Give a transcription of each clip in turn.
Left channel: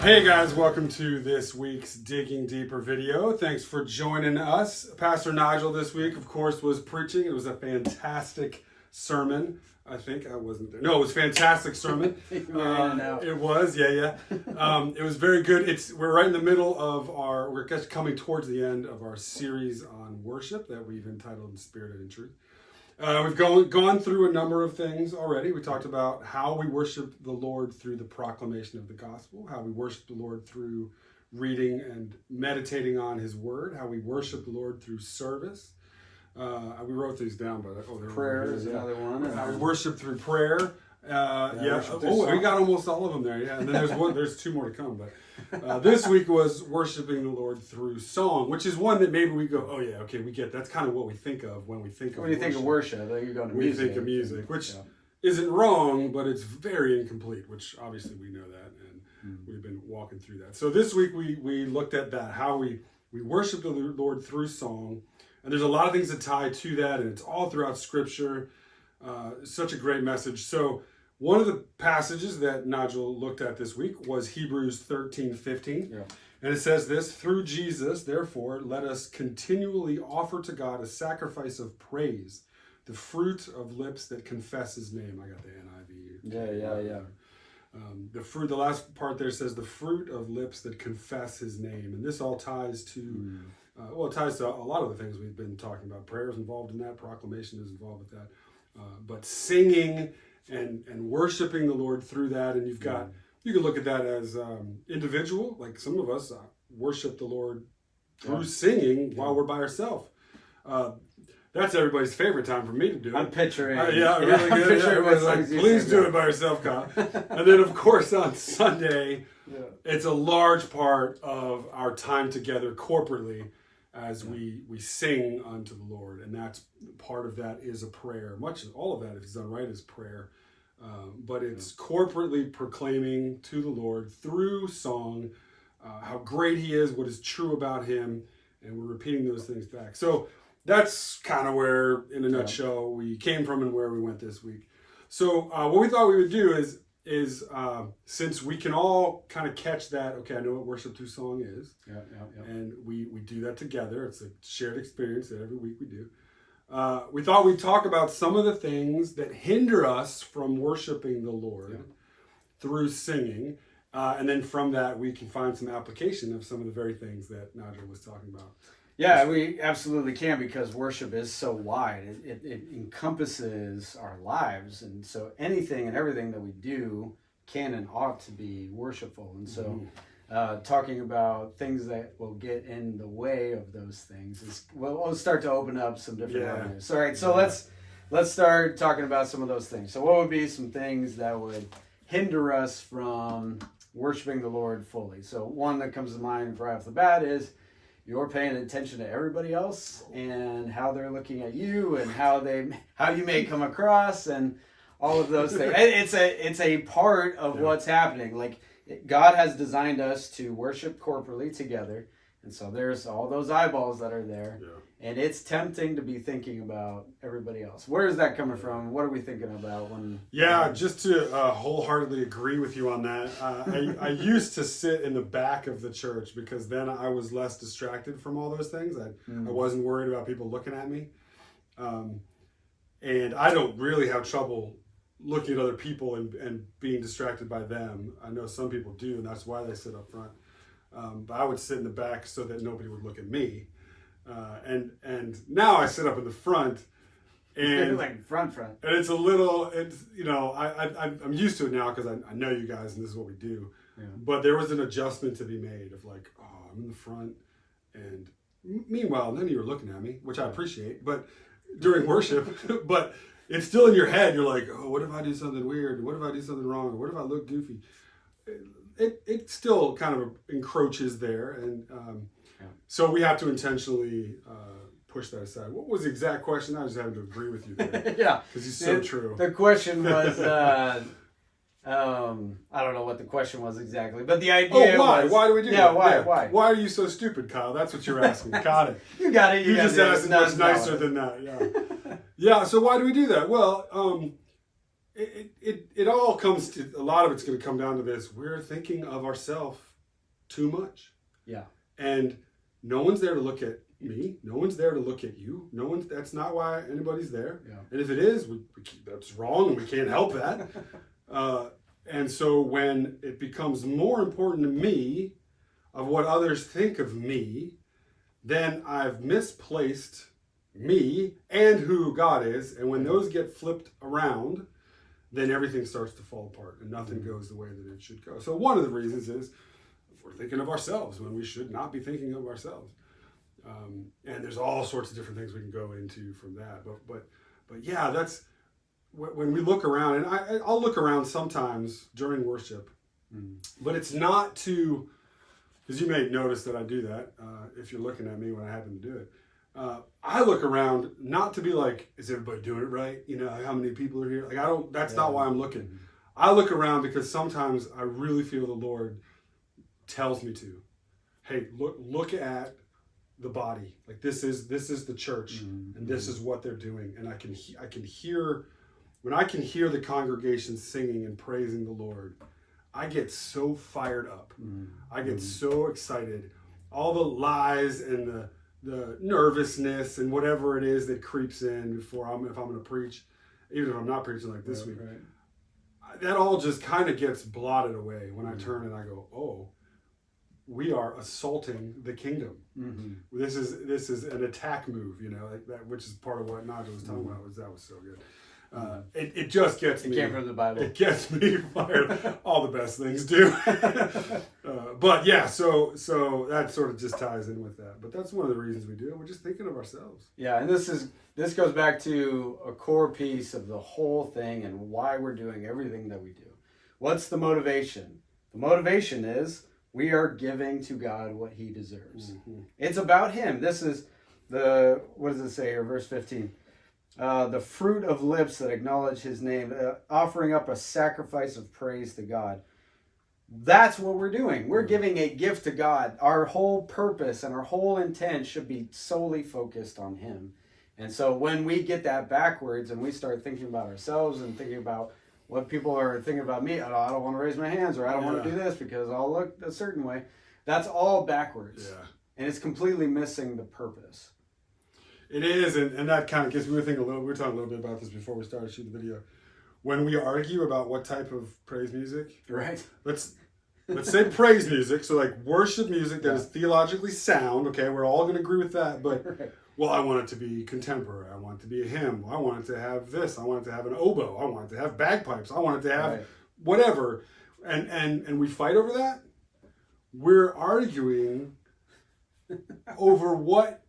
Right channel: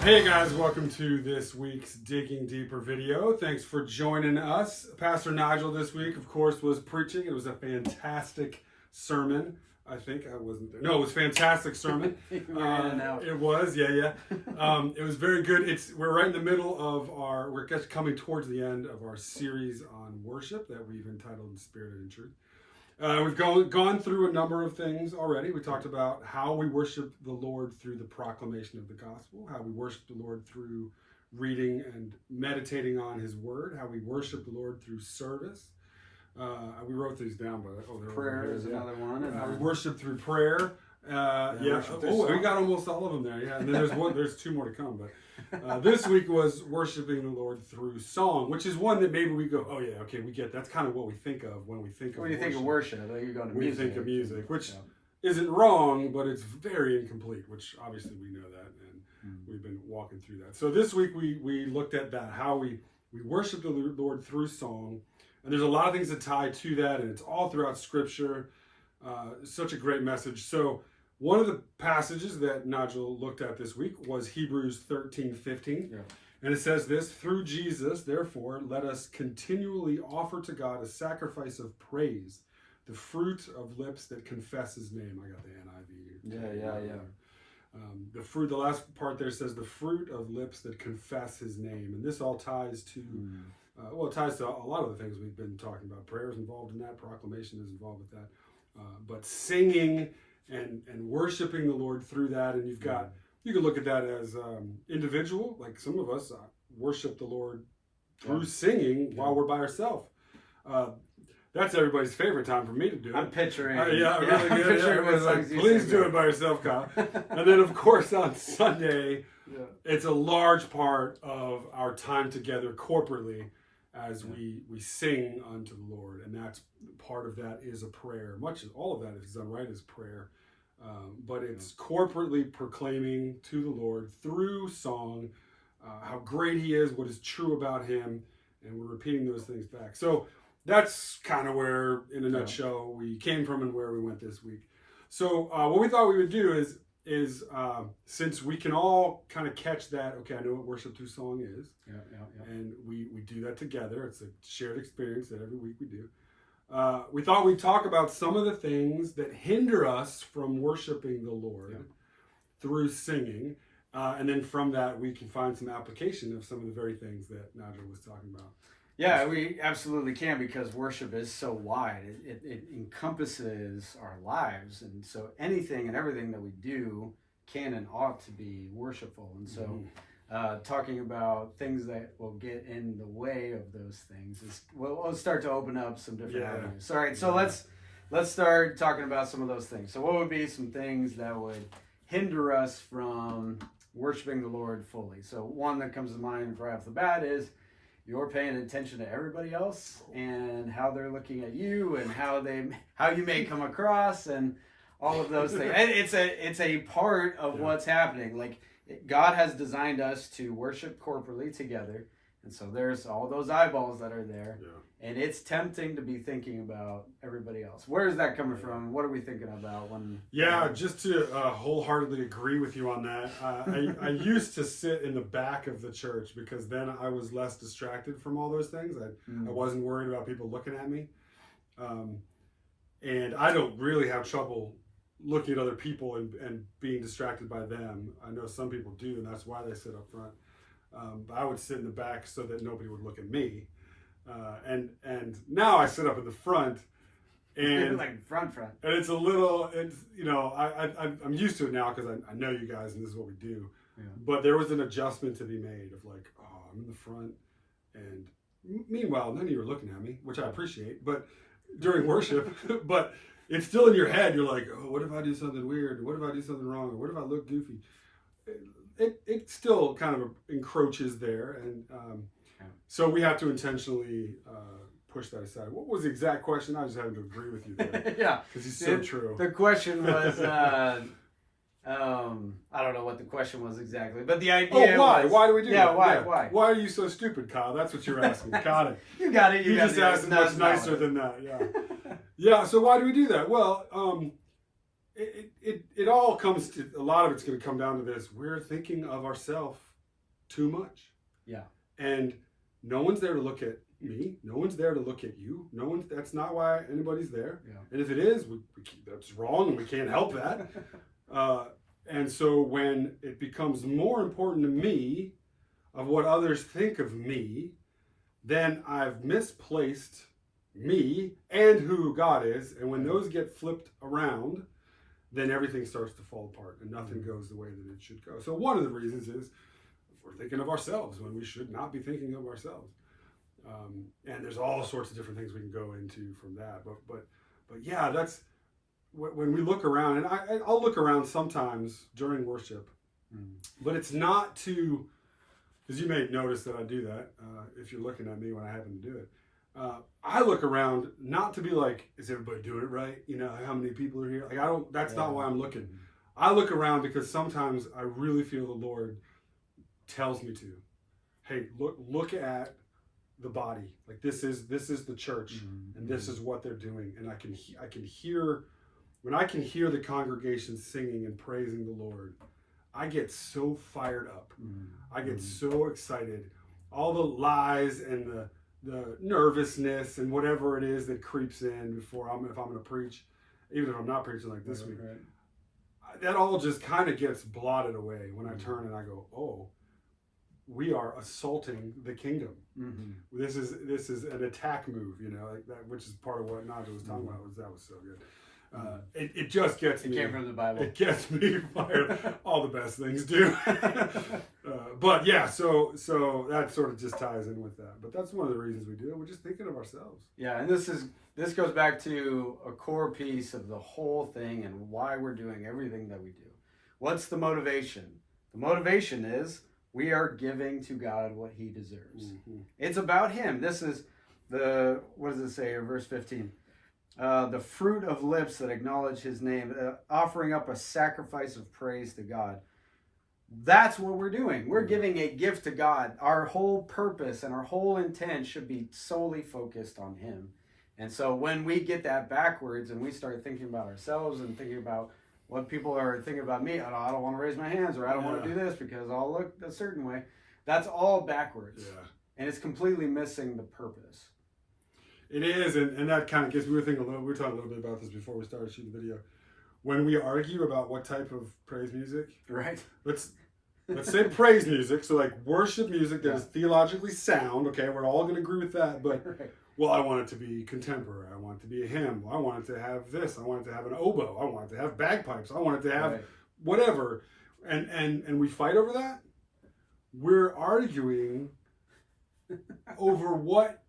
Hey guys, welcome to this week's Digging Deeper video. Thanks for joining us. Pastor Nigel this week, of course, was preaching. It was a fantastic sermon. I think I wasn't there. No, it was a fantastic sermon. It was, yeah. It was very good. We're right in the middle of we're just coming towards the end of our series on worship that we've entitled In Spirit and in Truth. We've gone through a number of things already. We talked about how we worship the Lord through the proclamation of the gospel, how we worship the Lord through reading and meditating on his word, how we worship the Lord through service. We wrote these down, but prayer is another one. Worship through prayer. We got almost all of them there. Yeah, and then there's two more to come. But this week was worshiping the Lord through song, which is one that maybe we go, oh yeah, okay, we get. That's kind of what we think of when we think of. When you think of worship, like you're going to music. We think of music, which isn't wrong, but it's very incomplete. Which obviously we know that, and we've been walking through that. So this week we looked at that, how we worship the Lord through song. And there's a lot of things that tie to that, and it's all throughout Scripture. Such a great message. So one of the passages that Nigel looked at this week was Hebrews 13:15. Yeah. And it says this: through Jesus, therefore, let us continually offer to God a sacrifice of praise, the fruit of lips that confess his name. I got the NIV. Yeah. The last part there says the fruit of lips that confess his name. And this all ties to... it ties to a lot of the things we've been talking about. Prayer is involved in that. Proclamation is involved with that. But singing and worshiping the Lord through that. And you can look at that as individual. Like some of us worship the Lord through singing while we're by ourselves. That's everybody's favorite time for me to do it. I'm picturing. Really good. Please do it by yourself, Kyle. And then, of course, on Sunday, it's a large part of our time together corporately as we sing unto the Lord. And that's part of that is a prayer. All of that, if it's done right, is prayer. But it's corporately proclaiming to the Lord through song how great he is, what is true about him, and we're repeating those things back. So that's kind of where, in a nutshell, we came from and where we went this week. So what we thought we would do is since we can all kind of catch that, okay, I know what worship through song is, and we do that together. It's a shared experience that every week we do. We thought we'd talk about some of the things that hinder us from worshiping the Lord through singing, and then from that we can find some application of some of the very things that Nigel was talking about. Yeah, we absolutely can, because worship is so wide. It encompasses our lives. And so anything and everything that we do can and ought to be worshipful. And so talking about things that will get in the way of those things we'll start to open up some different avenues. All right, so let's start talking about some of those things. So what would be some things that would hinder us from worshiping the Lord fully? So one that comes to mind right off the bat is you're paying attention to everybody else and how they're looking at you and how you may come across and all of those things. It's a part of what's happening. Like God has designed us to worship corporately together. And so there's all those eyeballs that are there. Yeah. And it's tempting to be thinking about everybody else. Where is that coming from? What are we thinking about when... Yeah, just to wholeheartedly agree with you on that. I used to sit in the back of the church because then I was less distracted from all those things. I wasn't worried about people looking at me. And I don't really have trouble looking at other people and being distracted by them. I know some people do, and that's why they sit up front. But I would sit in the back so that nobody would look at me. And now I sit up in the front, and like front. And it's I'm used to it now because I know you guys and this is what we do. Yeah. But there was an adjustment to be made of like, oh, I'm in the front, and meanwhile none of you are looking at me, which I appreciate. But during worship, but it's still in your head. You're like, oh, what if I do something weird? What if I do something wrong? Or what if I look goofy? It still kind of encroaches there, and so we have to intentionally push that aside. What was the exact question? I was having to agree with you there. Yeah, because he's so true. The question was, I don't know what the question was exactly, but the idea was... Why do we do that? Why? Why are you so stupid, Kyle? That's what you're asking. Got it. You got it. You just asked much nicer than that. Yeah. Yeah, so why do we do that? Well, it all comes to, a lot of it's going to come down to this. We're thinking of ourselves too much. Yeah. And no one's there to look at me. No one's there to look at you. That's not why anybody's there. Yeah. And if it is, that's wrong and we can't help that. And so when it becomes more important to me of what others think of me, then I've misplaced me and who God is. And when those get flipped around, then everything starts to fall apart and nothing goes the way that it should go. So one of the reasons is we're thinking of ourselves when we should not be thinking of ourselves. And there's all sorts of different things we can go into from that. But yeah, that's when we look around, and I'll look around sometimes during worship, but it's not to, because you may notice that I do that if you're looking at me when I happen to do it. I look around not to be like, is everybody doing it right? You know, how many people are here? Like, that's not why I'm looking. I look around because sometimes I really feel the Lord tells me to, hey, look at the body. Like this is the church, and this is what they're doing. And I can hear, when I can hear the congregation singing and praising the Lord, I get so fired up. I get so excited. All the lies and the nervousness and whatever it is that creeps in if I'm going to preach, even if I'm not preaching like this week, that all just kind of gets blotted away when I turn and I go, oh, we are assaulting the kingdom. This is an attack move, you know, like that, which is part of what Nigel was talking about. That was so good. It just gets me. It came from the Bible. It gets me fired. All the best things do. But yeah, so that sort of just ties in with that. But that's one of the reasons we do it. We're just thinking of ourselves. Yeah, and this goes back to a core piece of the whole thing and why we're doing everything that we do. What's the motivation? The motivation is we are giving to God what he deserves. It's about him. This is what does it say here? Verse 15. The fruit of lips that acknowledge his name, offering up a sacrifice of praise to God. That's what we're doing. We're giving a gift to God. Our whole purpose and our whole intent should be solely focused on him. And so when we get that backwards and we start thinking about ourselves and thinking about what people are thinking about me, I don't want to raise my hands, or I don't want to do this because I'll look a certain way. That's all backwards. Yeah. And it's completely missing the purpose. It is, and that kind of gets, we were talking a little bit about this before we started shooting the video. When we argue about what type of praise music, right? Let's say praise music, so like worship music that is theologically sound, okay, we're all going to agree with that, but, well, I want it to be contemporary, I want it to be a hymn, I want it to have this, I want it to have an oboe, I want it to have bagpipes, I want it to have whatever, and we fight over that. We're arguing over what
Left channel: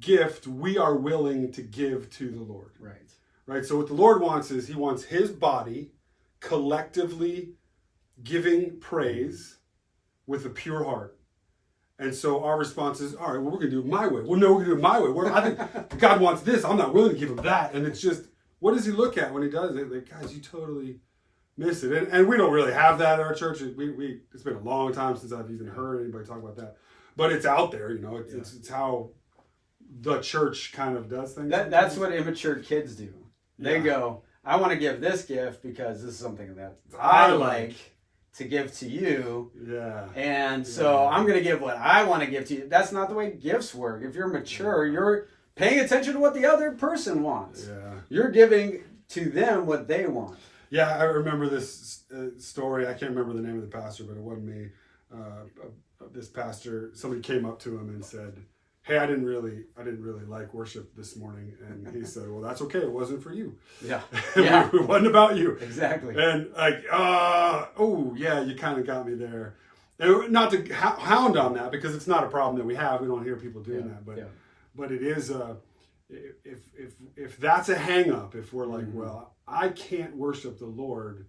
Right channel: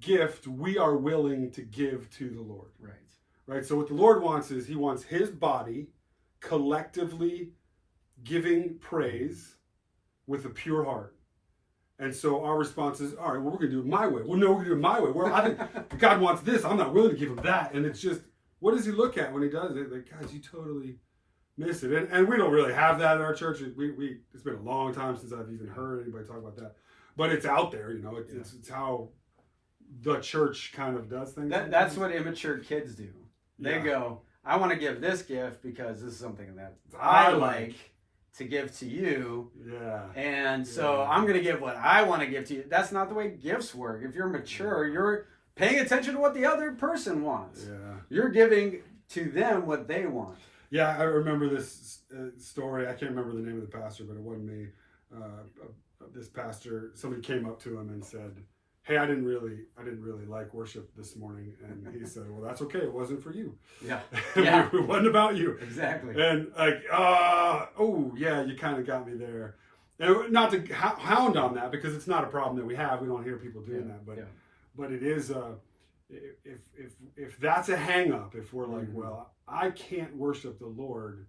gift we are willing to give to the Lord. Right. So what the Lord wants is he wants his body collectively giving praise with a pure heart. And so our response is, all right, well, we're going to do it my way. Well, no, we're going to do it my way. I think God wants this. I'm not willing to give him that. And it's just, what does he look at when he does it? Like, guys, you totally miss it. And we don't really have that in our church. It's been a long time since I've even heard anybody talk about that. But it's out there, you know. It's how the church kind of does things. That's what immature kids do. They go, I want to give this gift because this is something that I like to give to you. Yeah. And so I'm going to give what I want to give to you. That's not the way gifts work. If you're mature, you're paying attention to what the other person wants. Yeah. You're giving to them what they want. Yeah, I remember this story. I can't remember the name of the pastor, but it wasn't me. This pastor, somebody came up to him and said, hey, I didn't really like worship this morning. And he said, well, that's okay. It wasn't for you. Yeah. It wasn't about you. Exactly. And like, oh yeah, you kind of got me there. And not to hound on that, because it's not a problem that we have. We don't hear people doing that, but it is, if that's a hang up, if we're like, well, I can't worship the Lord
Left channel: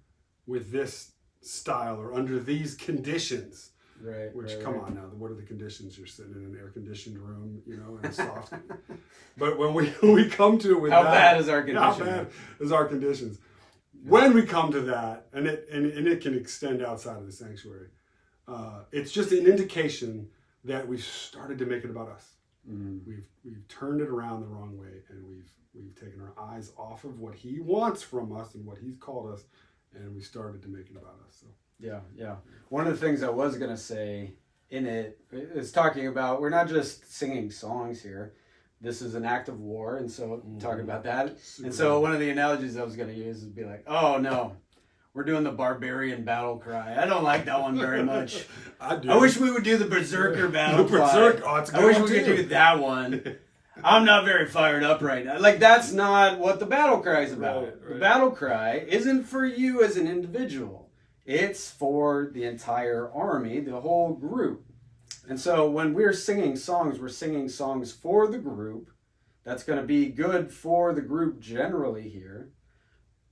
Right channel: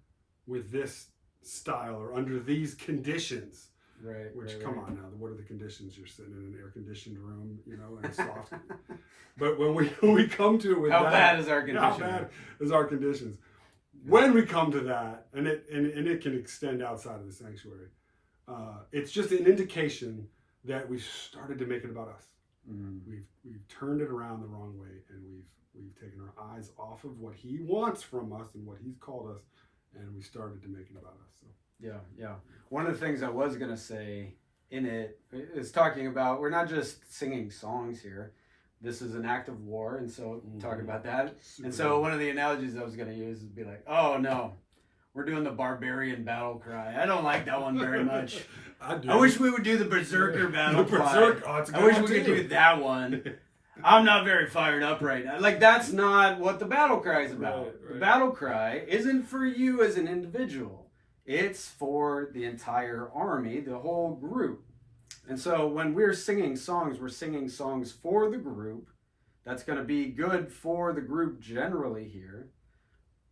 with this style or under these conditions. Right. Come on now, what are the conditions? You're sitting in an air-conditioned room, you know, and it's soft. But when we come to it with how bad is our condition? How bad is our conditions? When we come to that, and it can extend outside of the sanctuary, it's just an indication that we've started to make it about us. We've turned it around the wrong way, and we've taken our eyes off of what he wants from us and what he's called us, and we started to make it about us. So. Yeah. One of the things I was going to say in it is talking about we're not just singing songs here. This is an act of war, and so talking about that. And so one of the analogies I was going to use would be like, oh no, we're doing the barbarian battle cry. I don't like that one very much. I wish we would do the berserker battle cry. I wish we could do that one. I'm not very fired up right now. Like, that's not what the battle cry is about. Right. The battle cry isn't for you as an individual. It's for the entire army, the whole group. And so when we're singing songs for the group. That's going to be good for the group generally here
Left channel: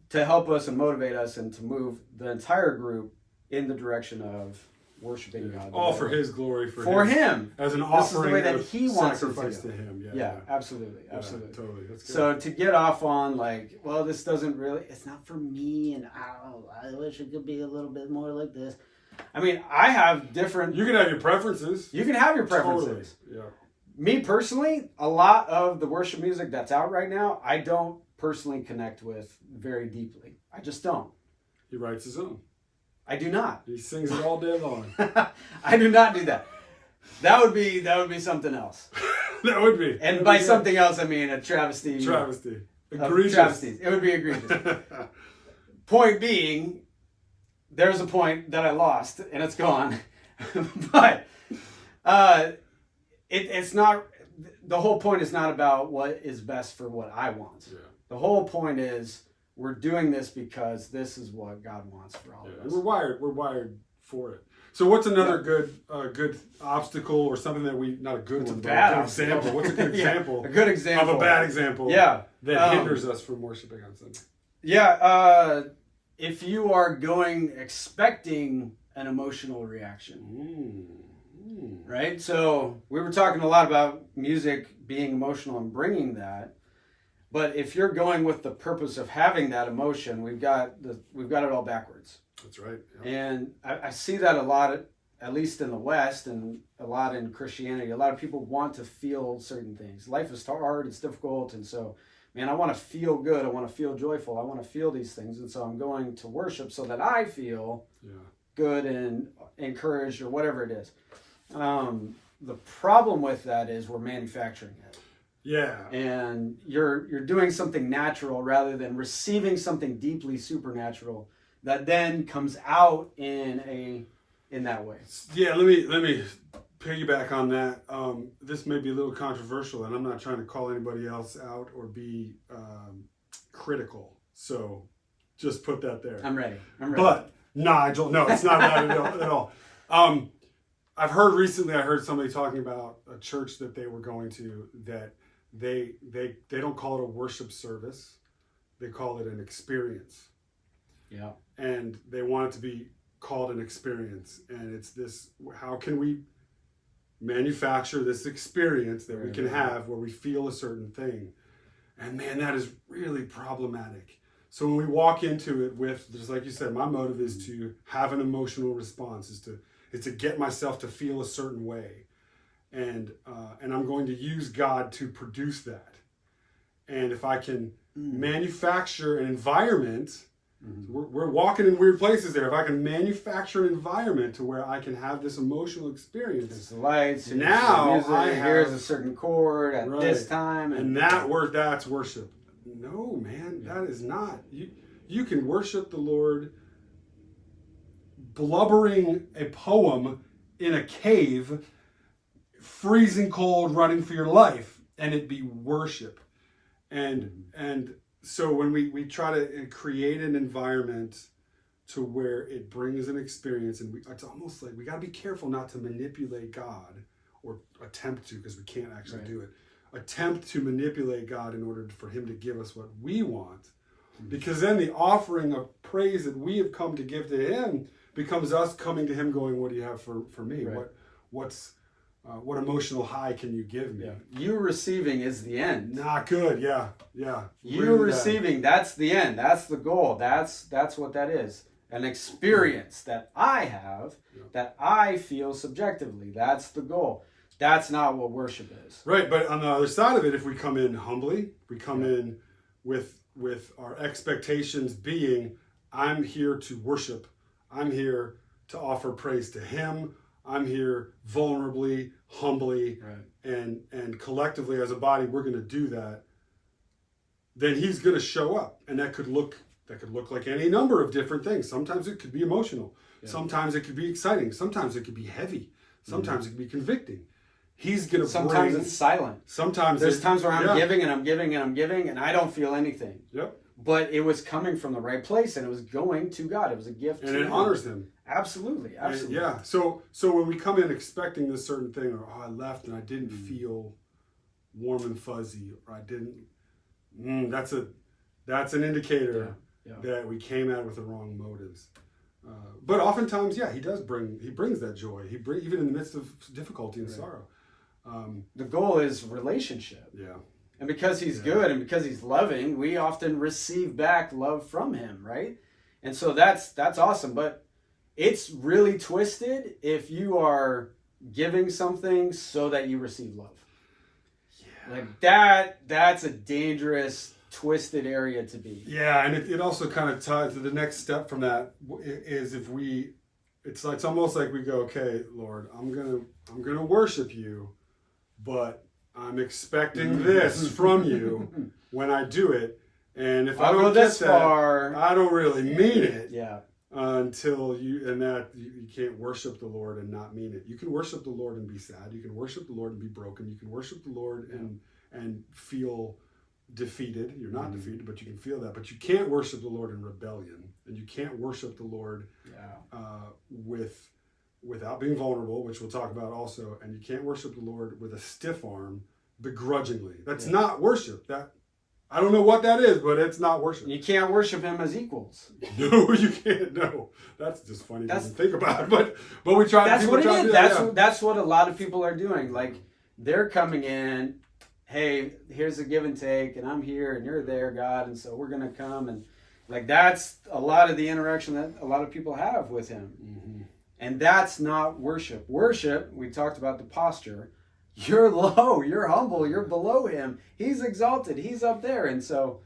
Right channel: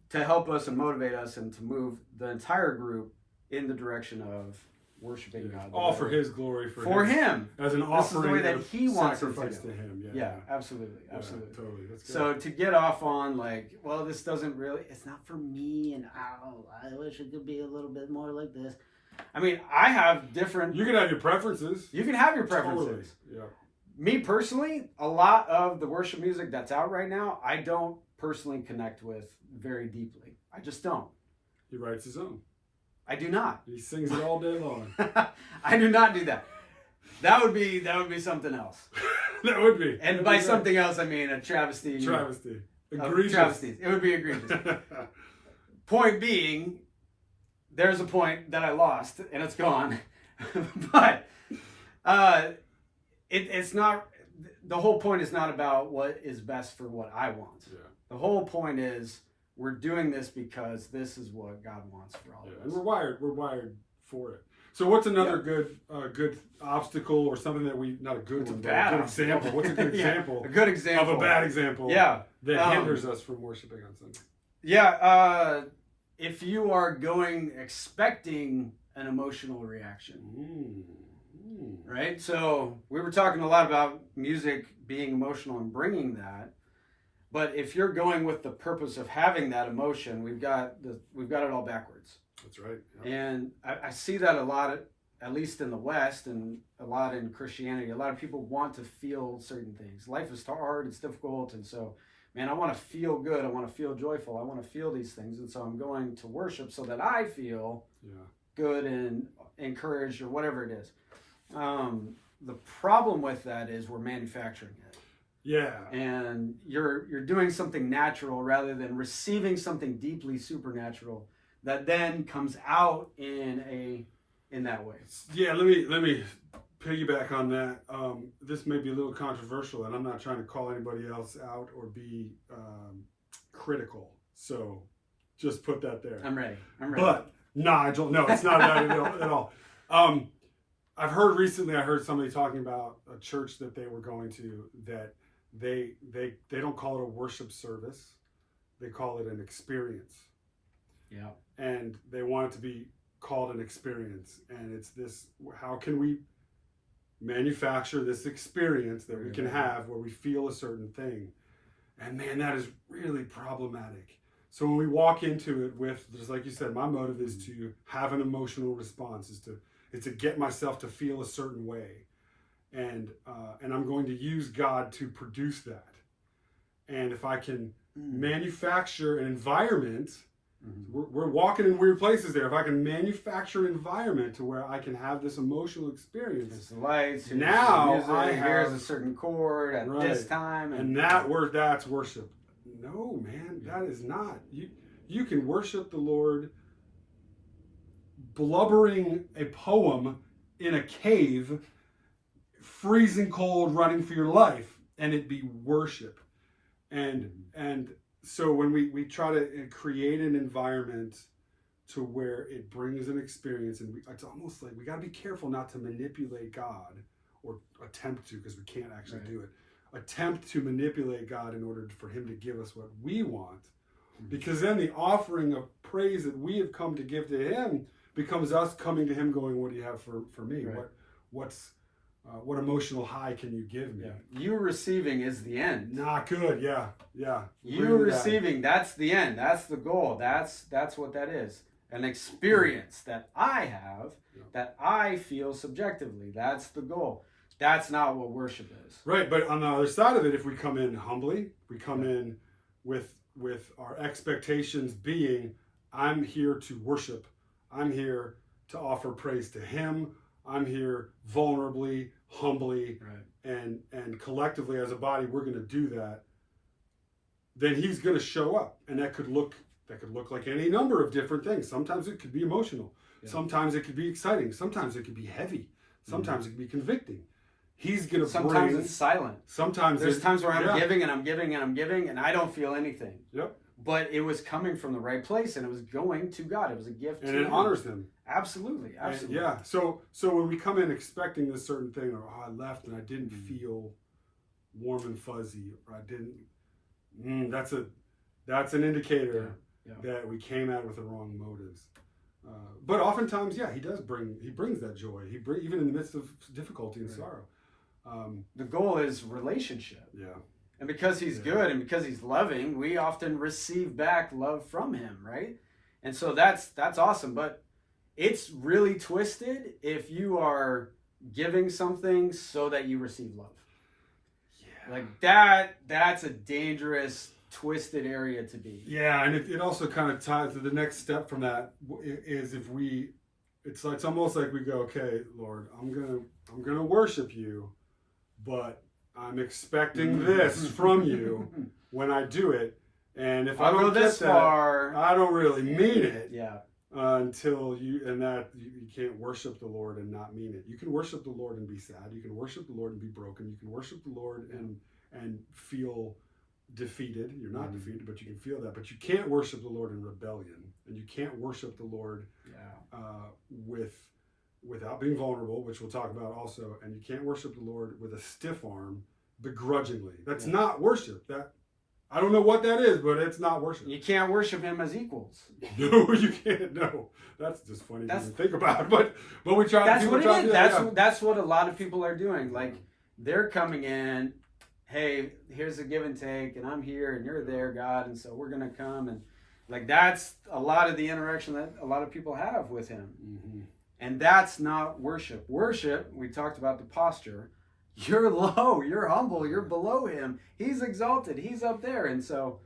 to help us and motivate us and to move the entire group in the direction of worshiping God. All for His glory. For Him. As an offering. This is the way that He wants it to Him. Yeah, absolutely. Absolutely. Totally. That's good. So to get off on like, well, this doesn't really, it's not for me, and I wish it could be a little bit more like this. I mean, I have different... You can have your preferences. You can have your preferences. Totally. Yeah. Me personally, a lot of the worship music that's out right now, I don't personally connect with very deeply. I just don't. He writes his own. I do not. He sings it all day long. I do not do that. That would be something else. That would be. And by something else, I mean a travesty. Travesty. Egregious. Travesties. It would be egregious. Point being, there's a point that I lost, and it's gone. But it's not. The whole point is not about what is best for what I want. Yeah. The whole point is we're doing this because this is what God wants for all of us. And we're wired for it. So what's another good obstacle or something that not a good one, but a good example? What's a good example? A good example of a bad example. Yeah. That hinders us from worshiping on Sunday. Yeah. If you are going expecting an emotional reaction. Right? So we were talking a lot about music being emotional and bringing that. But if you're going with the purpose of having that emotion, we've got it all backwards. That's right. Yeah. And I see that a lot, at least in the West, and a lot in Christianity. A lot of people want to feel certain things. Life is hard, it's difficult, and so, man, I want to feel good. I want to feel joyful. I want to feel these things, and so I'm going to worship so that I feel good and encouraged or whatever it is. The problem with that is we're manufacturing it. Yeah. And you're doing something natural rather than receiving something deeply supernatural that then comes out in that way. Yeah, let me piggyback on that. This may be a little controversial, and I'm not trying to call anybody else out or be critical. So just put that there. I'm ready. But Nigel, no, it's not that at all. I heard somebody talking about a church that they were going to that they don't call it a worship service. They call it an experience. Yeah. And they want it to be called an experience. And it's this, how can we manufacture this experience that we can have where we feel a certain thing? And man, that is really problematic. So when we walk into it with, just like you said, my motive is to have an emotional response, is to get myself to feel a certain way. And I'm going to use God to produce that. And if I can manufacture an environment, we're walking in weird places there. If I can manufacture an environment to where I can have this emotional experience. There's the lights. Now music, here's a certain chord at this time. And that's worship. No, man, that is not. You can worship the Lord blubbering a poem in a cave, freezing cold, running for your life, and it be worship. And so when we try to create an environment to where it brings an experience, and it's almost like we got to be careful not to manipulate God, or attempt to, because we can't actually do it. Attempt to manipulate God in order for Him to give us what we want, because then the offering of praise that we have come to give to Him becomes us coming to Him going, what do you have for me? Right. What emotional high can you give me? Yeah. You receiving is the end. Not good. Yeah. You receiving, that's the end. That's the goal. That's what that is. An experience that I have, that I feel subjectively. That's the goal. That's not what worship is. Right, but on the other side of it, if we come in humbly, we come in with our expectations being, I'm here to worship. I'm here to offer praise to Him. I'm here vulnerably, humbly, Right. and collectively as a body, we're going to do that, then he's going to show up. And that could look like any number of different things. Sometimes it could be emotional. Yeah. Sometimes it could be exciting. Sometimes it could be heavy. Sometimes it could be convicting. He's going to Sometimes it's silent. Sometimes there's times where I'm giving and I'm giving and I'm giving and I don't feel anything. Yep. But it was coming from the right place and it was going to God. It was a gift and to it him. honors him. Absolutely. And yeah. So when we come in expecting this certain thing, or I left and I didn't feel warm and fuzzy, or I didn't, that's an indicator that we came at it with the wrong motives. But oftentimes, he brings that joy. Even in the midst of difficulty and sorrow. The goal is relationship. Yeah. And because he's good and because he's loving, we often receive back love from him, right? And so that's awesome. But it's really twisted if you are giving something so that you receive love. Yeah. Like that's a dangerous, twisted area to be. Yeah, and it also kind of ties to the next step from that is it's almost like we go, okay, Lord, I'm gonna worship you, but I'm expecting this from you when I do it, and if I don't get that, I don't really mean it. Yeah. Until you can't worship the Lord and not mean it. You can worship the Lord and be sad. You can worship the Lord and be broken. You can worship the Lord and feel defeated. You're not defeated, but you can feel that. But you can't worship the Lord in rebellion, and you can't worship the Lord without being vulnerable, which we'll talk about also. And you can't worship the Lord with a stiff arm, begrudgingly. That's not worship. That I don't know what that is, but it's not worship. You can't worship him as equals. No, you can't. No, that's just funny to think about. But we try. That's what it is. That's what a lot of people are doing. Like they're coming in. Hey, here's a give and take, and I'm here, and you're there, God, and so we're gonna come, and like that's a lot of the interaction that a lot of people have with him, and that's not worship. Worship, we talked about the posture. You're low, you're humble, you're below him. He's exalted, he's up there, and so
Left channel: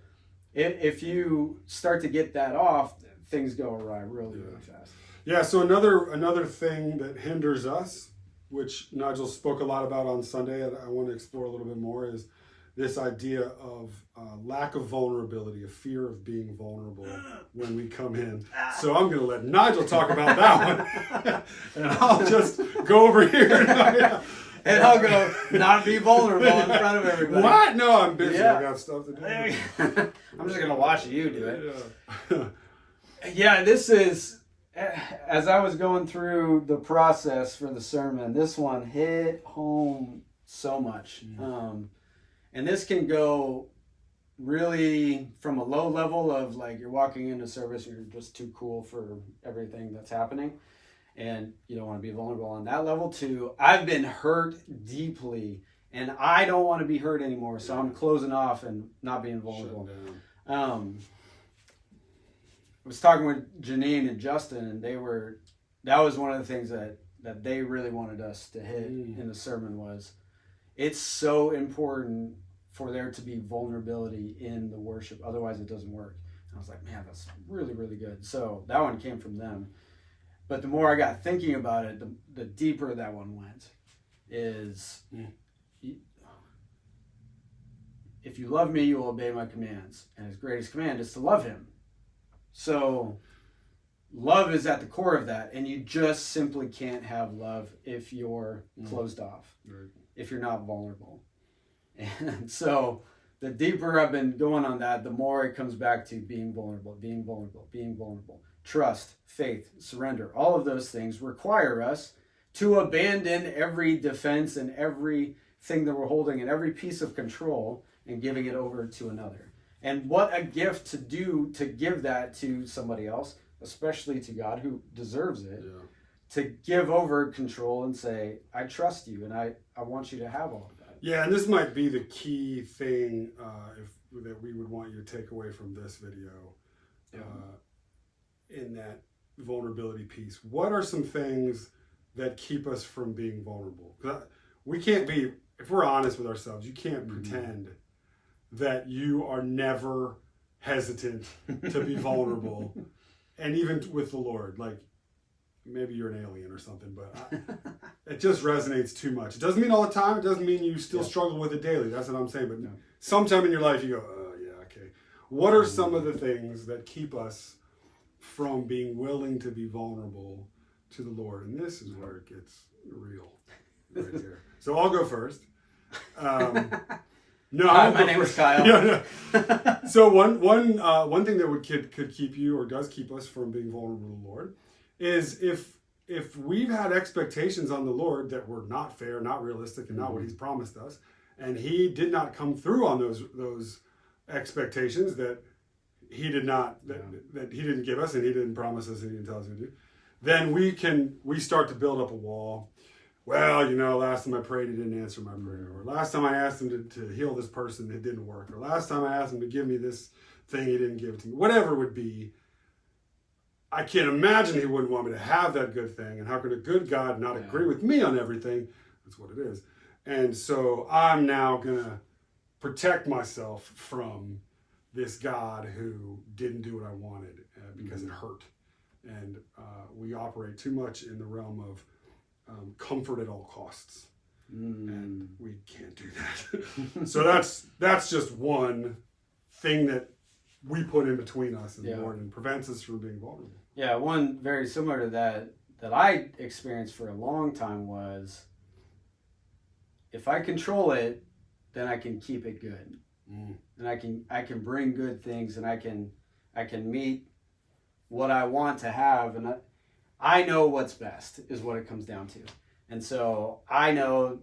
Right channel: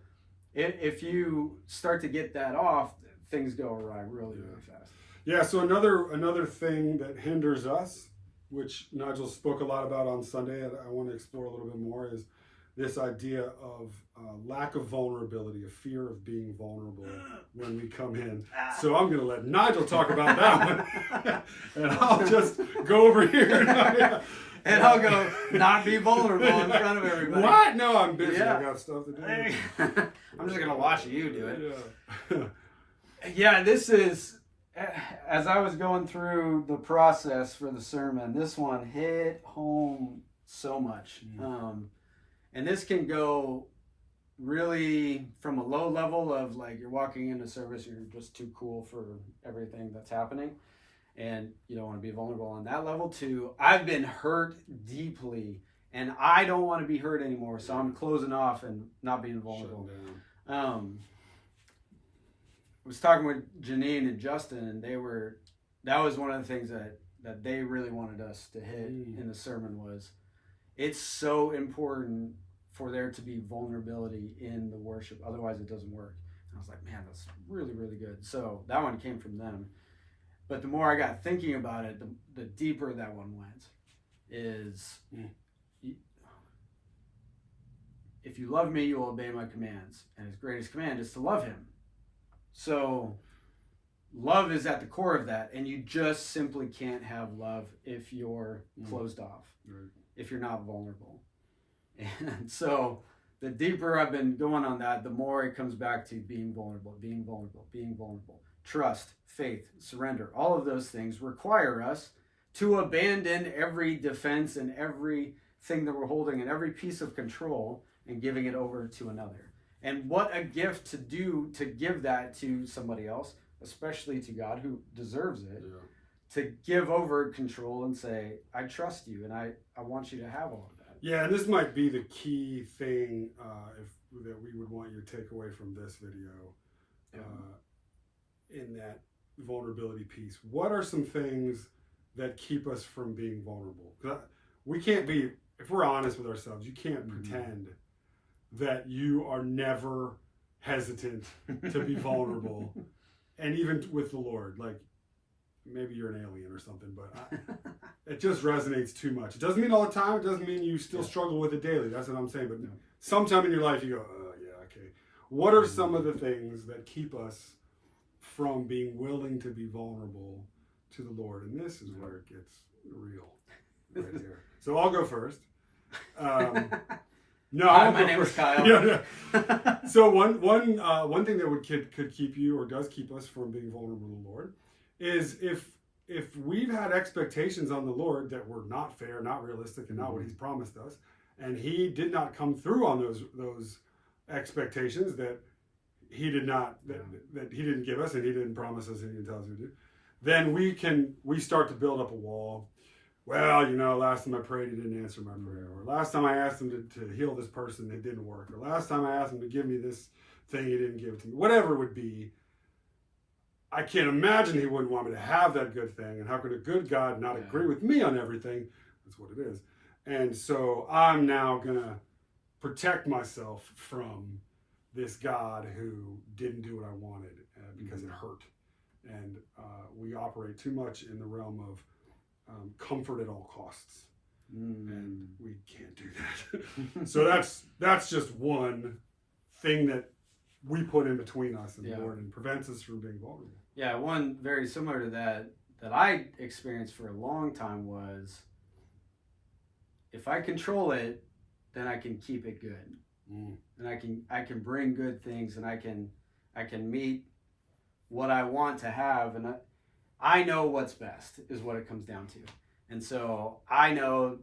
if you start to get that off, things go awry really fast. Yeah. So another thing that hinders us, which Nigel spoke a lot about on Sunday, and I want to explore a little bit more, is this idea of lack of vulnerability, a fear of being vulnerable when we come in. So I'm going to let Nigel talk about that one, and I'll just go over here. And I'll go not be vulnerable in front of everybody. What? No, I'm busy. I got stuff to do. I'm just going to watch you do it. Yeah, this is... As I was going through the process for the sermon, this one hit home so much. And this can go really from a low level of like you're walking into service, you're just too cool for everything that's happening, and you don't want to be vulnerable on that level, to I've been hurt deeply and I don't want to be hurt anymore, so I'm closing off and not being vulnerable. I was talking with Janine and Justin, and that was one of the things that they really wanted us to hit in the sermon was it's so important for there to be vulnerability in the worship. Otherwise it doesn't work. And I was like, man, that's really, really good. So that one came from them. But the more I got thinking about it, the deeper that one went is if you love me, you will obey my commands. And his greatest command is to love him. So love is at the core of that, and you just simply can't have love if you're closed off, if you're not vulnerable. And so the deeper I've been going on that, the more it comes back to being vulnerable. Trust, faith, surrender, all of those things require us to abandon every defense and everything that we're holding and every piece of control and giving it over to another. And what a gift to do, to give that to somebody else, especially to God who deserves it, to give over control and say, I trust you and I want you to have all of that. Yeah, and this might be the key thing that we would want you to take away from this video in that vulnerability piece. What are some things that keep us from being vulnerable? We can't be, if we're honest with ourselves, you can't pretend that you are never hesitant to be vulnerable. And even with the Lord, like maybe you're an alien or something, but it just resonates too much. It doesn't mean all the time. It doesn't mean you still struggle with it daily. That's what I'm saying. But sometime in your life, you go, oh, yeah, okay. What are some of the things that keep us from being willing to be vulnerable to the Lord? And this is where it gets real right here. So I'll go first. No, Hi, my name is Kyle. So one thing that could keep you, or does keep us from being vulnerable to the Lord, is if we've had expectations on the Lord that were not fair, not realistic, and not what He's promised us, and He did not come through on those expectations that He did not that He didn't give us, and He didn't promise us, and He didn't tell us to do, then we start to build up a wall. Well, last time I prayed, He didn't answer my prayer. Or last time I asked Him to heal this person, it didn't work. Or last time I asked Him to give me this thing, He didn't give it to me. Whatever it would be, I can't imagine He wouldn't want me to have that good thing. And how could a good God not agree with me on everything? That's what it is. And so I'm now going to protect myself from this God who didn't do what I wanted because it hurt. And we operate too much in the realm of comfort at all costs, and we can't do that. So that's just one thing that we put in between us and the Lord and prevents us from being vulnerable. Yeah, one very similar to that I experienced for a long time was, if I control it, then I can keep it good, and I can bring good things, and I can meet what I want to have, and I know what's best is what it comes down to. And so I know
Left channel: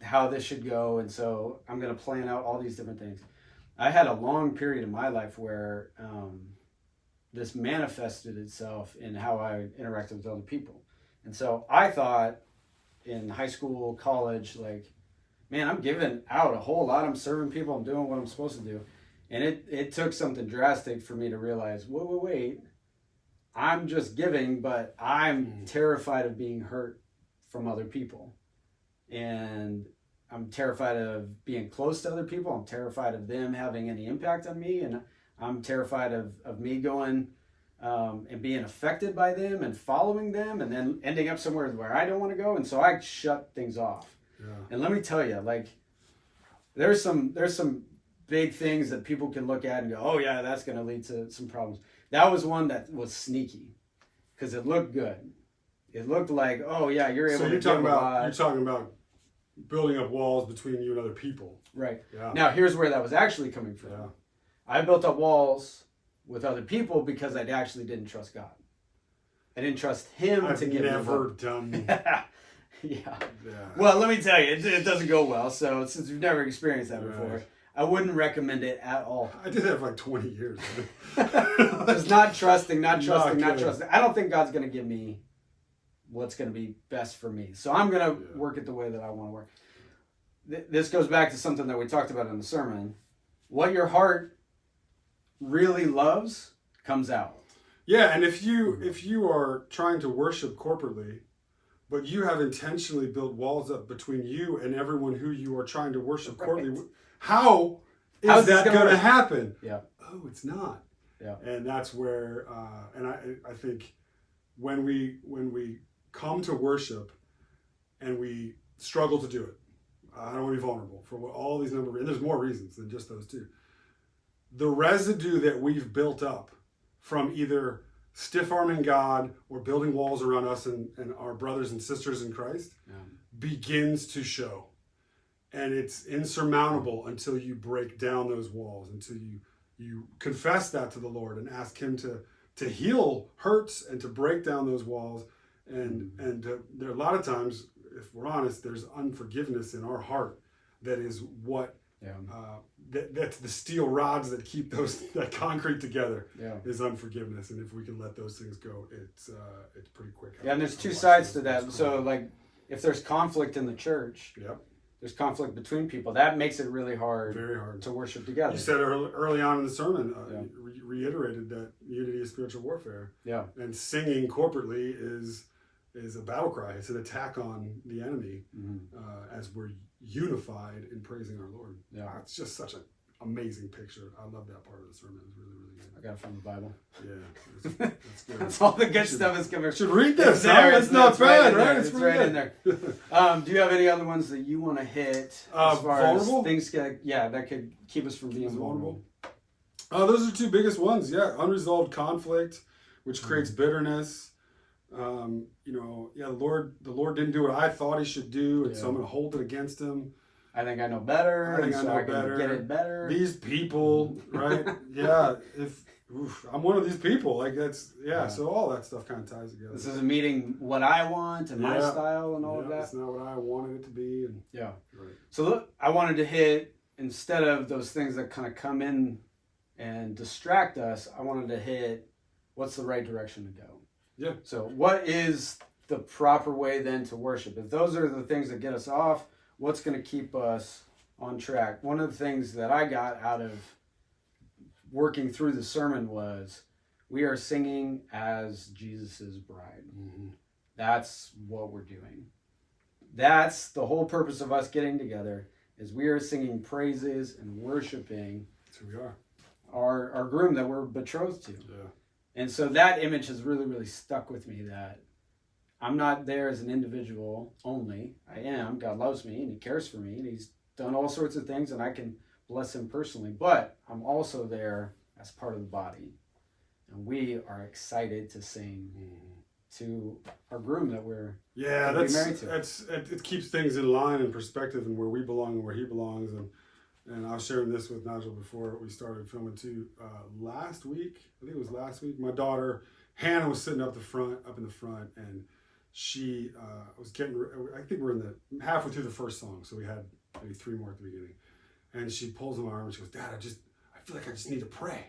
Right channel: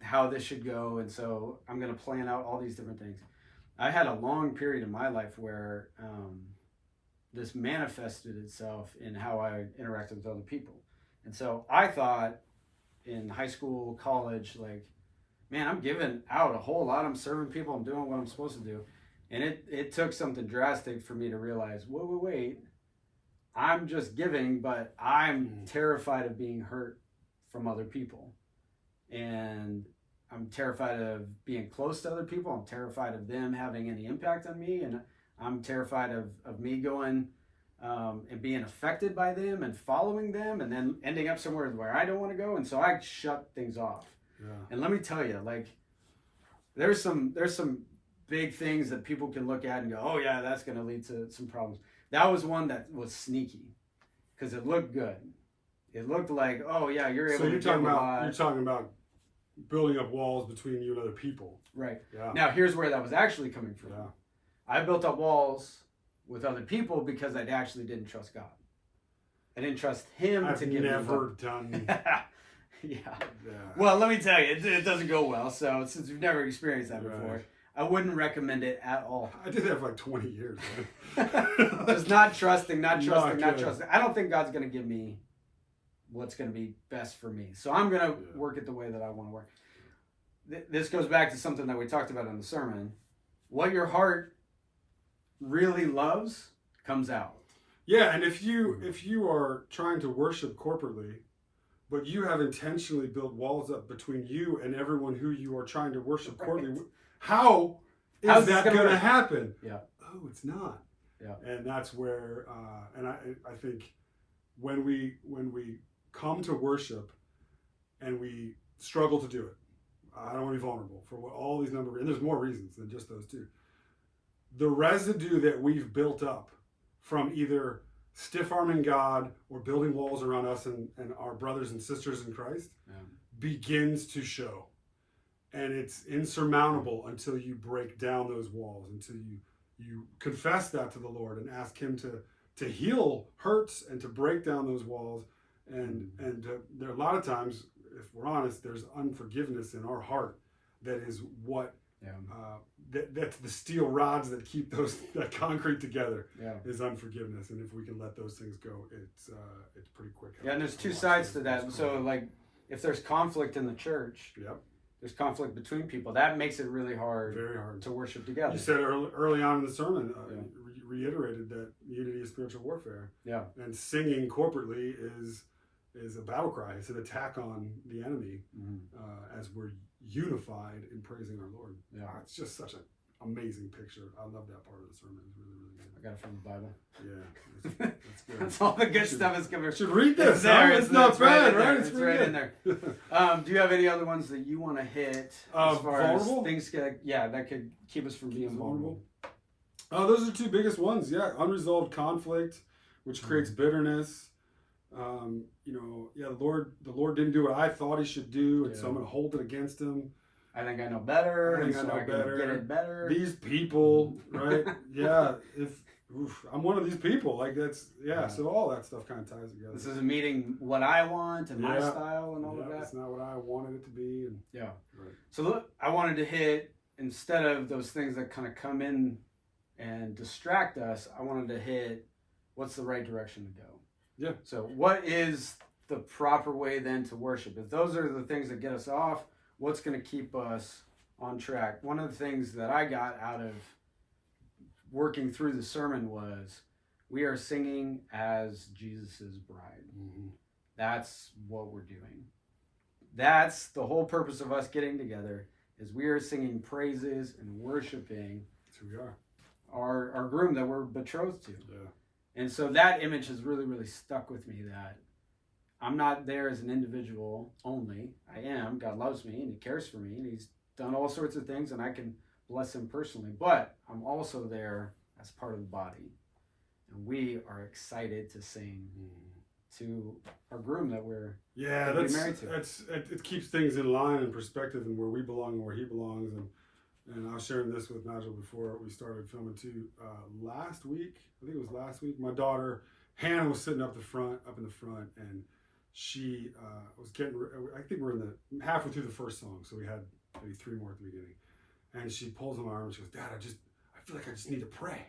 how this should go. And so I'm going to plan out all these different things. I had a long period in my life where this manifested itself in how I interacted with other people. And so I thought in high school, college, like, man, I'm giving out a whole lot. I'm serving people. I'm doing what I'm supposed to do. And it took something drastic for me to realize, wait. I'm just giving, but I'm terrified of being hurt from other people. And I'm terrified of being close to other people. I'm terrified of them having any impact on me. And I'm terrified of me going and being affected by them and following them and then ending up somewhere where I don't want to go. And so I shut things off. Yeah. And let me tell you, like, there's some big things that people can look at and go, oh yeah, that's going to lead to some problems. That was one that was sneaky because it looked good. It looked like, oh yeah, you're able to give a lot. You're talking about building up walls between you and other people. Right. Yeah. Now here's where that was actually coming from. Yeah. I built up walls with other people because I actually didn't trust God. I didn't trust Him to give me. I've never done. Yeah. Well, let me tell you, it doesn't go well. So since you've never experienced that before, I wouldn't recommend it at all. I did that for like 20 years. Just not trusting. I don't think God's going to give me what's going to be best for me. So I'm going to work it the way that I want to work. This goes back to something that we talked about in the sermon. What your heart really loves comes out. Yeah, and if you are trying to worship corporately, but you have intentionally built walls up between you and everyone who you are trying to worship corporately, how's that going to happen? Yeah. Oh, it's not. Yeah. And that's where, and I think when we come to worship and we struggle to do it, I don't want to be vulnerable for all these number, and there's more reasons than just those two. The residue that we've built up from either stiff-arming God or building walls around us and our brothers and sisters in Christ begins to show. And it's insurmountable until you break down those walls, until you confess that to the Lord and ask Him to heal hurts and to break down those walls. And there are a lot of times, if we're honest, there's unforgiveness in our heart that is what that's the steel rods that keep that concrete together is unforgiveness. And if we can let those things go, it's pretty quick. Yeah, and there's two sides to that. So like if there's conflict in the church, there's conflict between people, that makes it really hard, very hard to worship together. You said early on in the sermon, reiterated that unity is spiritual warfare. Yeah. And singing corporately is a battle cry. It's an attack on the enemy as we're unified in praising our Lord. Yeah. It's just such a amazing picture. I love that part of the sermon. It was really, really good. I got it from the Bible. Yeah, that's good. That's all the good stuff is coming. Should read this. It's there. It's not bad, right? It's right in there. Do you have any other ones that you want to hit as far vulnerable? as things that could keep us from being vulnerable? Those are two biggest ones. Yeah, unresolved conflict, which creates bitterness. The Lord didn't do what I thought He should do, and so I'm going to hold it against Him. I think I know better. I know better. Get it better. These people, right? Yeah. I'm one of these people. Like that's So all that stuff kind of ties together. This isn't meeting what I want and my style and all of that. It's not what I wanted it to be. And, right. So look, I wanted to hit, instead of those things that kind of come in and distract us, I wanted to hit what's the right direction to go. Yeah. So what is the proper way then to worship? If those are the things that get us off, what's going to keep us on track? One of the things that I got out of working through the sermon was we are singing as Jesus's bride. Mm-hmm. That's what we're doing. That's the whole purpose of us getting together, is we are singing praises and worshiping. That's who we are. Our groom that we're betrothed to. Yeah. And so that image has really, really stuck with me, that I'm not there as an individual only. I am. God loves me and He cares for me and He's done all sorts of things and I can bless Him personally. But I'm also there as part of the body. And we are excited to sing to our groom that we're married to. It keeps things in line and perspective and where we belong and where He belongs. And I was sharing this with Nigel before we started filming too. Last week, I think it was last week, my daughter Hannah was sitting up in the front, and she was I think we're in the halfway through the first song, so we had maybe 3 more at the beginning. And she pulls on my arm and she goes, "Dad, I feel like I just need to pray."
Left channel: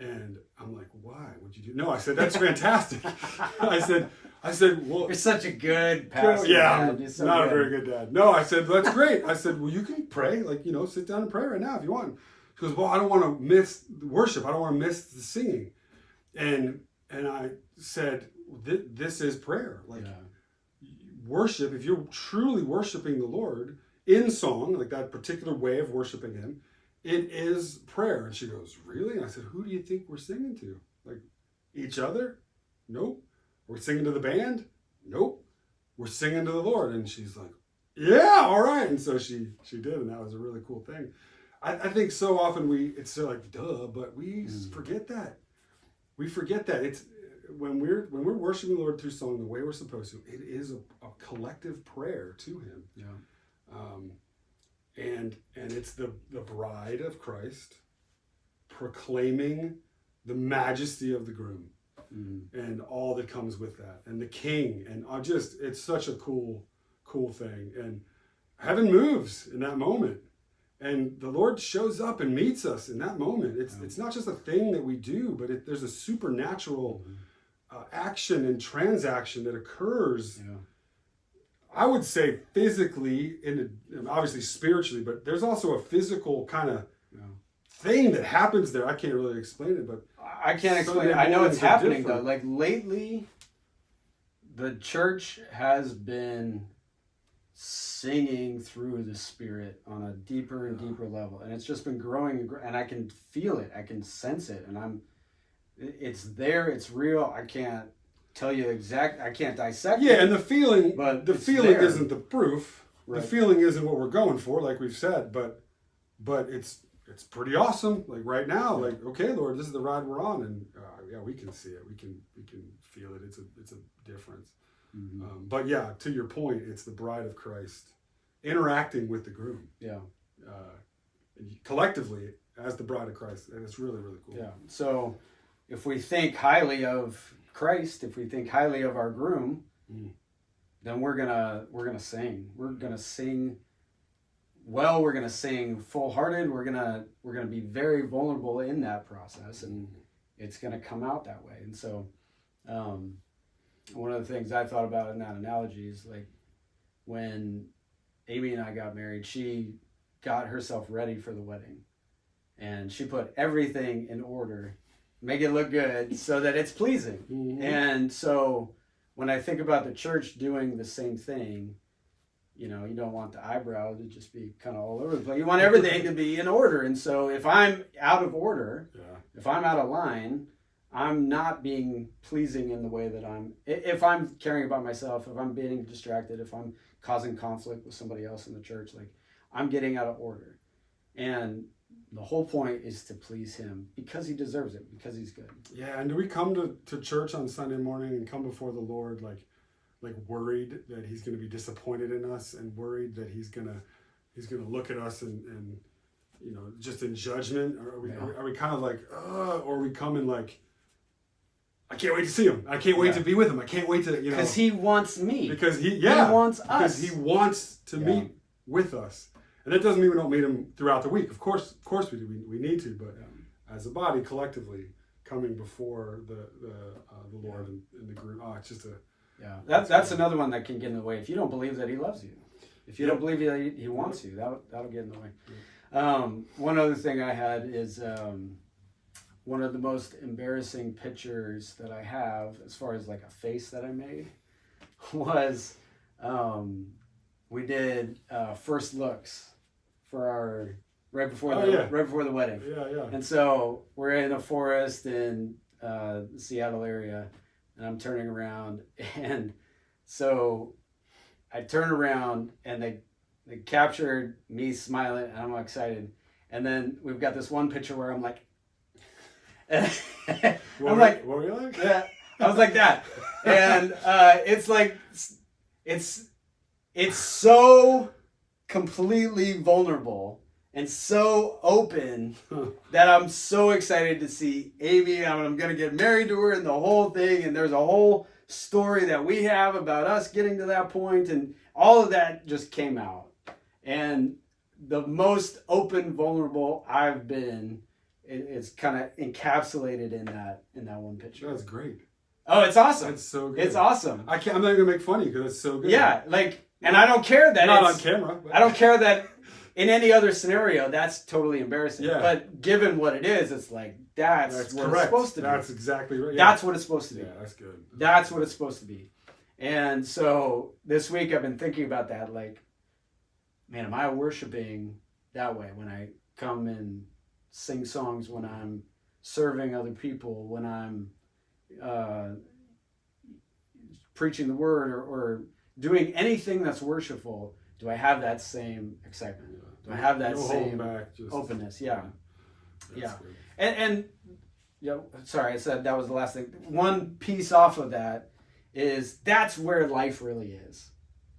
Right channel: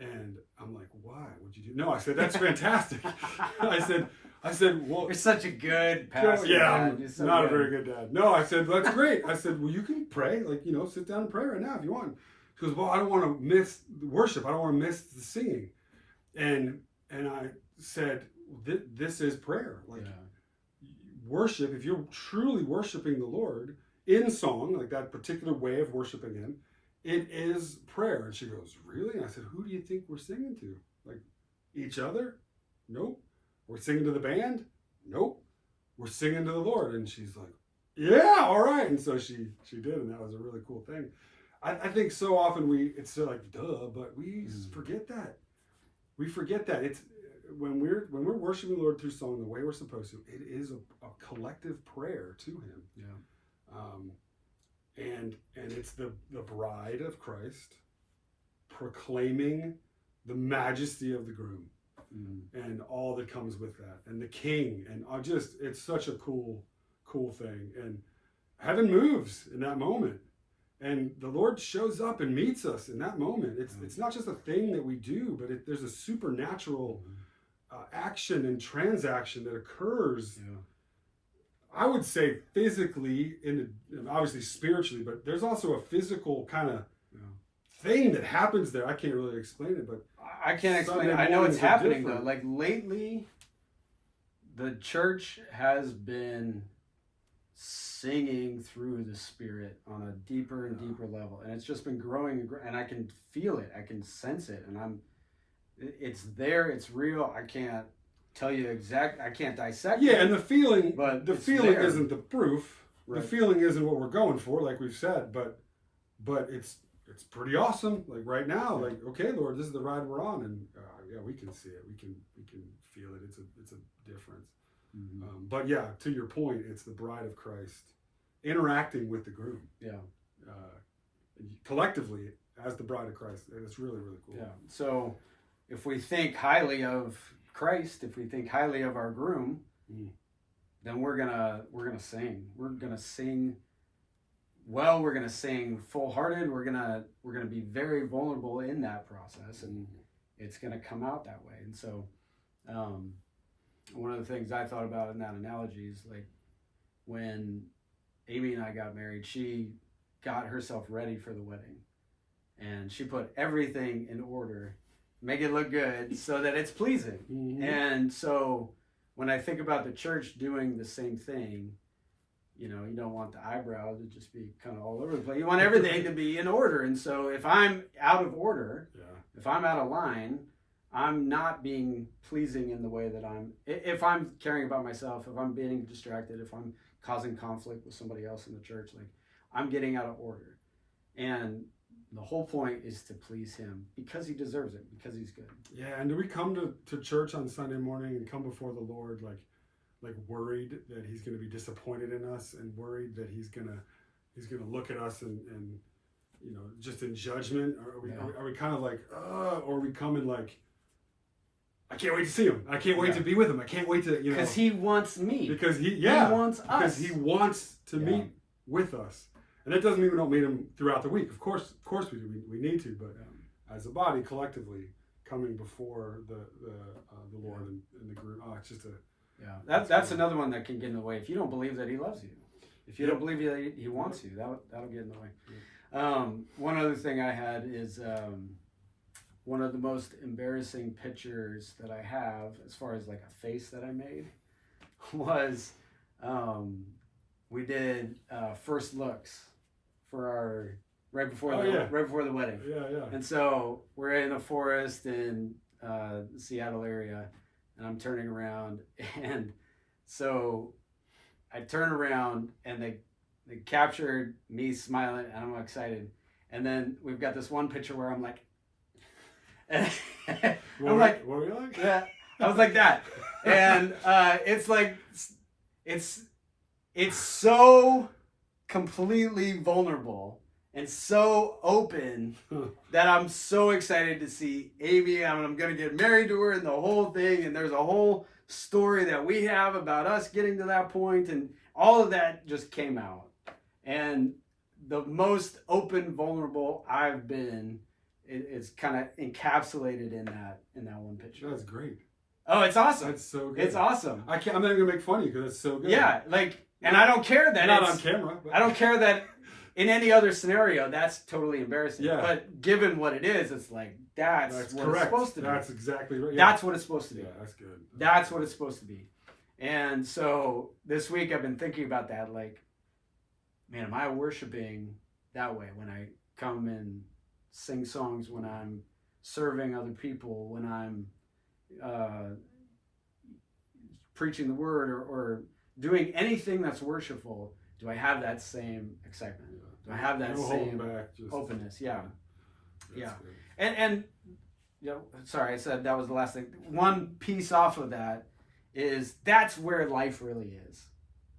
And I'm like, "Why? What'd you do?" No, I said, "That's fantastic." I said, "Well, you're such a good pastor." Yeah, I'm not a very good dad. No, I said, "That's great." I said, "Well, you can pray, sit down and pray right now if you want." She goes, "Well, I don't want to miss the worship. I don't want to miss the singing." And I said, "This is prayer. Worship. If you're truly worshiping the Lord in song, like that particular way of worshiping Him, it is prayer." And she goes, "Really?" And I said, "Who do you think we're singing to? Like each other? Nope. We're singing to the band? Nope. We're singing to the Lord." And she's like, "Yeah, all right." And so she did, and that was a really cool thing. I think so often it's so like, duh, but we forget that. We forget that. It's when we're worshiping the Lord through song the way we're supposed to, it is a collective prayer to Him. Yeah. And it's the bride of Christ proclaiming the majesty of the groom and all that comes with that, and the King, and it's such a cool thing. And heaven moves in that moment, and the Lord shows up and meets us in that moment. It's not just a thing that we do, but there's a supernatural action and transaction that occurs. Yeah. I would say physically, and obviously spiritually, but there's also a physical kind of thing that happens there. I can't really explain it, but I can't explain it. I know it's happening though. Like lately, the church has been singing through the Spirit on a deeper and deeper level, and it's just been growing, and I can feel it. I can sense it, and it's there. It's real. I can't tell you I can't dissect it. Yeah, and the feeling there. isn't the proof. Right. The feeling isn't what we're going for, like we've said, but it's pretty awesome. Like right now, like, okay, Lord, this is the ride we're on, and we can see it. We can feel it. It's a difference. Mm-hmm. But yeah, to your point, it's the bride of Christ interacting with the groom. Yeah. Collectively as the bride of Christ, and it's really, really cool. Yeah. So if we think highly of Christ, if we think highly of our groom, then we're gonna sing. We're gonna sing well. We're gonna sing full-hearted. We're gonna be very vulnerable in that process, and it's gonna come out that way. And so, one of the things I thought about in that analogy is like when Amy and I got married, she got herself ready for the wedding, and she put everything in order, make it look good so that it's pleasing. Mm-hmm. And so when I think about the church doing the same thing, You know, you don't want the eyebrow to just be kind of all over the place. You want everything to be in order. And so if I'm out of order, if I'm out of line, I'm not being pleasing in the way that if I'm caring about myself, if I'm being distracted, if I'm causing conflict with somebody else in the church, like I'm getting out of order. And the whole point is to please him because he deserves it, because he's good. Yeah, and do we come to church on Sunday morning and come before the Lord like worried that he's going to be disappointed in us, and worried that he's going to look at us and you know, just in judgment? Or are we kind of like, or are we coming like, I can't wait to see him. I can't wait to be with him. I can't wait to, you know. Because he wants me. Because he wants us. Because he wants to meet with us. And that doesn't mean we don't meet him throughout the week. Of course we do. We need to, but as a body, collectively, coming before the Lord and the group. Oh, it's just that's another one that can get in the way. If you don't believe that he loves you, if you don't believe that he wants you, that'll get in the way. One other thing I had is one of the most embarrassing pictures that I have, as far as like a face that I made, was we did first looks for our right before the wedding. Yeah. And so we're in a forest in the Seattle area, and I'm turning around, and so I turned around and they captured me smiling, and I'm excited. And then we've got this one picture where I'm like, what were you like? Yeah, I was like that, and it's like it's so completely vulnerable and so open that I'm so excited to see Amy. I'm going to get married to her and the whole thing. And there's a whole story that we have about us getting to that point, and all of that just came out. And the most open, vulnerable I've been is kind of encapsulated in that one picture. That's great. Oh, it's awesome. That's so good. It's awesome. I'm not going to make fun of you because it's so good. Yeah, like, and I don't care that not it's on camera. I don't care that in any other scenario that's totally embarrassing. Yeah. But given what it is, it's like that's what correct. it's supposed to be. That's exactly right. Yeah. That's what it's supposed to be. Yeah, that's good. That's what it's supposed to be. And so this week I've been thinking about that. Like, man, am I worshiping that way when I come and sing songs, when I'm serving other people, when I'm preaching the word or doing anything that's worshipful? Do I have that same excitement? Do I have that same openness? Yeah. Yeah. And you know, sorry, I said that was the last thing. One piece off of that is that's where life really is.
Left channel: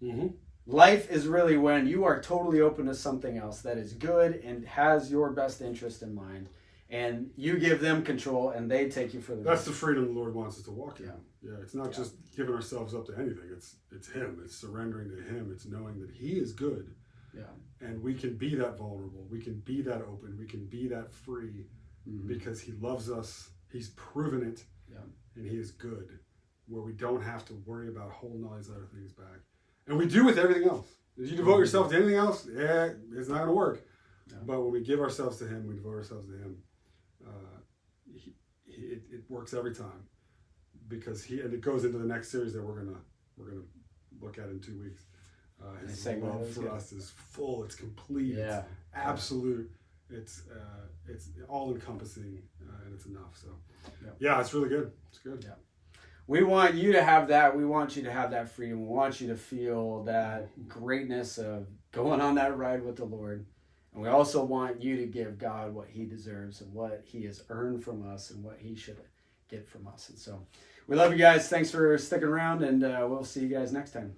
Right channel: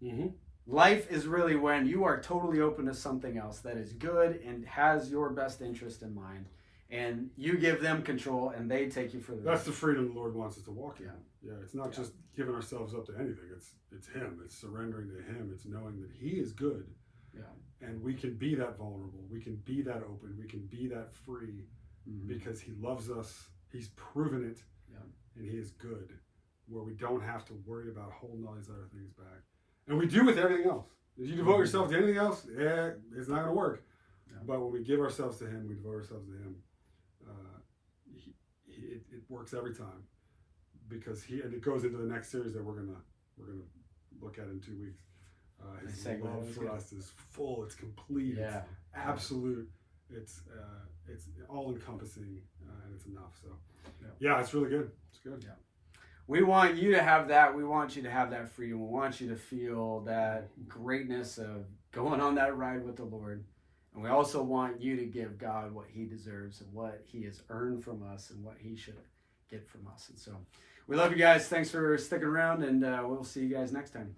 Mm-hmm. Life is really when you are totally open to something else that is good and has your best interest in mind, and you give them control and they take you for the That's the freedom the Lord wants us to walk in. Yeah. Yeah, it's not just giving ourselves up to anything. It's Him. It's surrendering to Him. It's knowing that He is good. Yeah. And we can be that vulnerable. We can be that open. We can be that free because He loves us. He's proven it. Yeah. And He is good, where we don't have to worry about holding all these other things back. And we do with everything else. If you devote yourself to anything else, it's not going to work. Yeah. But when we give ourselves to Him, we devote ourselves to Him, it works every time. Because and it goes into the next series that we're gonna look at in 2 weeks. His love for us is full. It's complete. Yeah. It's absolute. It's all encompassing, and it's enough. So, yeah, it's really good. It's good. Yeah. We want you to have that. We want you to have that freedom. We want you to feel that greatness of going on that ride with the Lord. And we also want you to give God what He deserves and what He has earned from us and what He should get from us. And so we love you guys. Thanks for sticking around, and we'll see you guys next time.